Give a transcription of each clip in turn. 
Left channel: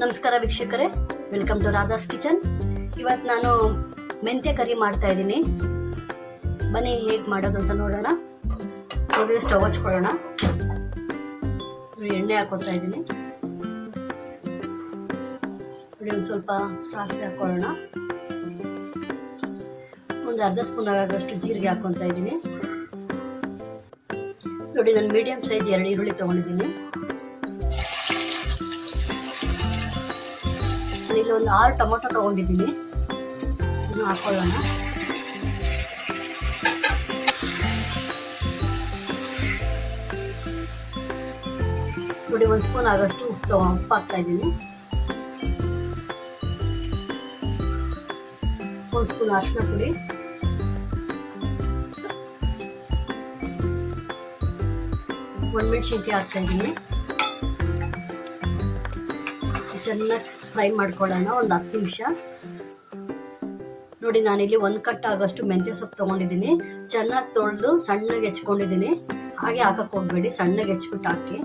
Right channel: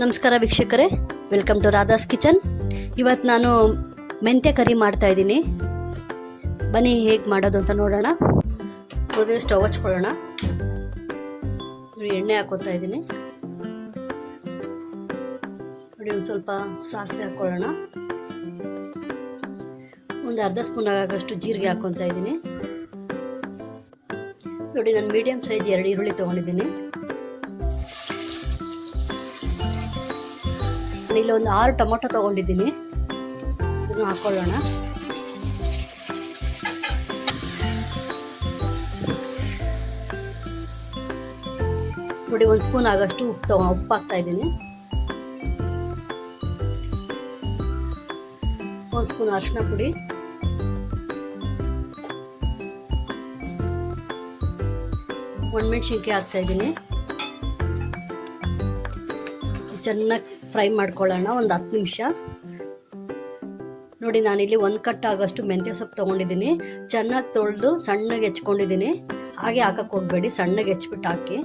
ನಮಸ್ಕಾರ ವೀಕ್ಷಕರೇ, welcome to Radha's kitchen. ಇವತ್ತು ನಾನು ಮೆಂತ್ಯ ಕರಿ ಮಾಡ್ತಾ ಇದ್ದೀನಿ. ಬನ್ನಿ ಹೇಗೆ ಮಾಡೋದು ಅಂತ ನೋಡೋಣ. ಮೊದಲು ಸ್ಟವ್ ಹಚ್ಕೊಳ್ಳೋಣ. ಎಣ್ಣೆ ಹಾಕೋತಾ ಇದ್ದೀನಿ. ನೋಡಿ, ಒಂದು ಸ್ವಲ್ಪ ಸಾಸಿವೆ ಹಾಕೊಳ್ಳೋಣ. ಒಂದು ಅರ್ಧ ಸ್ಪೂನ್ ಆಗೋಷ್ಟು ಜೀರಿಗೆ ಹಾಕೊತಾ ಇದ್ದೀನಿ. ನೋಡಿ, ನಾನು ಮೀಡಿಯಂ ಸೈಜ್ 2 ಈರುಳ್ಳಿ ತೊಗೊಂಡಿದ್ದೀನಿ. ಇಲ್ಲಿ ಒಂದು 6 ಟೊಮೊಟೊ ತೊಗೊಂಡಿದ್ದೀನಿ. ಇದನ್ನು ಹಾಕೊಳ್ಳೋಣ. ನೋಡಿ, 1 ಸ್ಪೂನ್ ಆಗೋಷ್ಟು ಉಪ್ಪು ಹಾಕ್ತಾ ಇದ್ದೀನಿ. 1 ಸ್ಪೂನ್ ಅರಿಶಿನ ಪುಡಿ, ಒಣಮೆಣಸಿನ್ಕಾಯಿ ಹಾಕ್ತಾ ಇದ್ದೀನಿ. ಚೆನ್ನಾಗಿ ಫ್ರೈ ಮಾಡ್ಕೊಳ್ಳೋಣ ಒಂದು 10 ನಿಮಿಷ. ನೋಡಿ, ನಾನಿಲ್ಲಿ 1 ಕಟ್ ಆಗೋಷ್ಟು ಮೆಂತ್ಯ ಸೊಪ್ಪು ತೊಗೊಂಡಿದ್ದೀನಿ. ಚೆನ್ನಾಗಿ ತೊಳೆದು ಸಣ್ಣಗೆ ಹೆಚ್ಕೊಂಡಿದ್ದೀನಿ. ಹಾಗೆ ಹಾಕಕ್ಕೆ ಹೋಗಬೇಡಿ, ಸಣ್ಣಗೆ ಹೆಚ್ಬಿಟ್ಟು ಹಾಕಿ.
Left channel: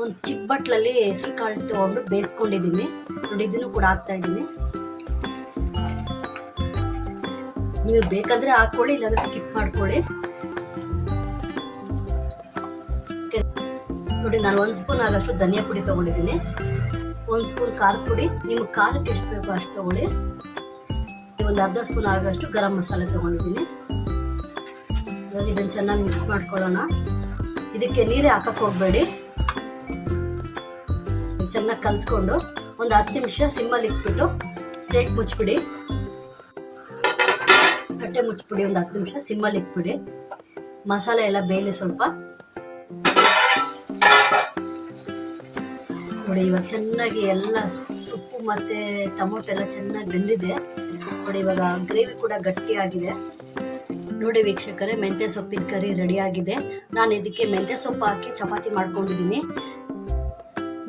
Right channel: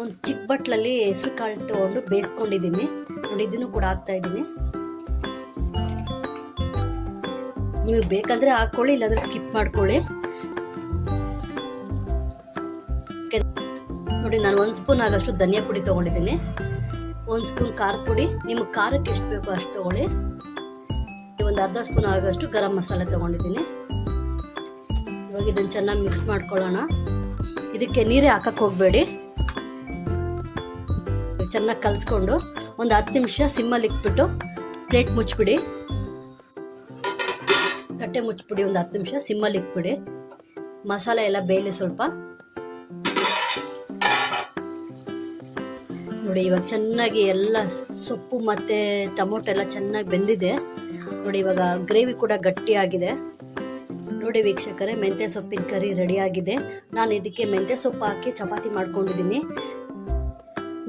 ಒಂದು ಚಿಕ್ಕ ಬಟ್ಲಲ್ಲಿ ಹೆಸರು ಕಾಳು ತೊಗೊಂಡು ಬೇಯಿಸ್ಕೊಂಡಿದ್ದೀನಿ. ನೋಡಿ, ಇದನ್ನು ಕೂಡ ಹಾಕ್ತಾ ಇದ್ದೀನಿ. ನಿಮಗೆ ಬೇಕಾದರೆ ಹಾಕ್ಕೊಳ್ಳಿ, ಇಲ್ಲಾಂದರೆ ಸ್ಕಿಪ್ ಮಾಡ್ಕೊಳ್ಳಿ. ನೋಡಿ, ನಾನು 1 ಸ್ಪೂನ್ ಆಗೋಷ್ಟು ಧನಿಯಾ ಪುಡಿ ತೊಗೊಂಡಿದ್ದೀನಿ. 1 ಸ್ಪೂನ್ ಖಾರ ಪುಡಿ, ನಿಮಗೆ ಖಾರಕ್ಕೆ ಎಷ್ಟು ಬೇಕೋ ಅಷ್ಟು ತೊಗೊಳ್ಳಿ. ಒಂದು ಅರ್ಧ ಸ್ಪೂನ್ ಆಗೋಷ್ಟು ಗರಂ ಮಸಾಲೆ ತೊಗೊಂಡಿದ್ದೀನಿ. ಇವಾಗ ಇದನ್ನು ಚೆನ್ನಾಗಿ ಮಿಕ್ಸ್ ಮಾಡ್ಕೊಳ್ಳೋಣ. ಇದಕ್ಕೆ ನೀರೇ ಹಾಕಕ್ಕೆ ಹೋಗಬೇಡಿ. ಚೆನ್ನಾಗಿ ಕಲಿಸ್ಕೊಂಡು ಒಂದು 10 ನಿಮಿಷ ಸಿಮ್ಮಲ್ಲಿ ಇಟ್ಬಿಟ್ಟು ಪ್ಲೇಟ್ ಮುಚ್ಚಿಬಿಡಿ. ತಟ್ಟೆ ಮುಚ್ಚಿಬಿಡಿ. ಒಂದು 10 ನಿಮಿಷ ಸಿಮ್ಮಲ್ಲಿ ಇಟ್ಬಿಡಿ. ಮಸಾಲೆ ಎಲ್ಲ ಬೇಯಲಿ ಸ್ವಲ್ಪ. ನೋಡಿ, ಇವಾಗ ಚೆನ್ನಾಗಿ ಎಲ್ಲ ಸೊಪ್ಪು ಮತ್ತು ಟೊಮೊಟೊ ಎಲ್ಲ ಚೆನ್ನಾಗಿ ಬೆಂದಿದೆ. ನೋಡಿ, ಇವಾಗ ಗ್ರೇವಿ ಕೂಡ ಗಟ್ಟಿಯಾಗಿದೆ. ನೋಡಿ ವೀಕ್ಷಕರೇ, ಮೆಂತ್ಯ ಸೊಪ್ಪಿನ ಕರಿ ರೆಡಿಯಾಗಿದೆ. ನಾನು ಇದಕ್ಕೆ ಮೆಂತ್ಯ ಸೊಪ್ಪು ಹಾಕಿ ಚಪಾತಿ ಮಾಡ್ಕೊಂಡಿದ್ದೀನಿ.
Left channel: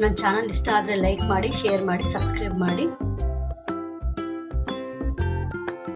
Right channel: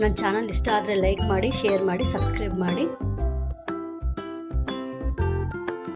ನನ್ನ ಚಾನಲ್ ಇಷ್ಟ ಆದರೆ ಲೈಕ್ ಮಾಡಿ, ಶೇರ್ ಮಾಡಿ, ಸಬ್ಸ್ಕ್ರೈಬ್ ಮಾಡಿ.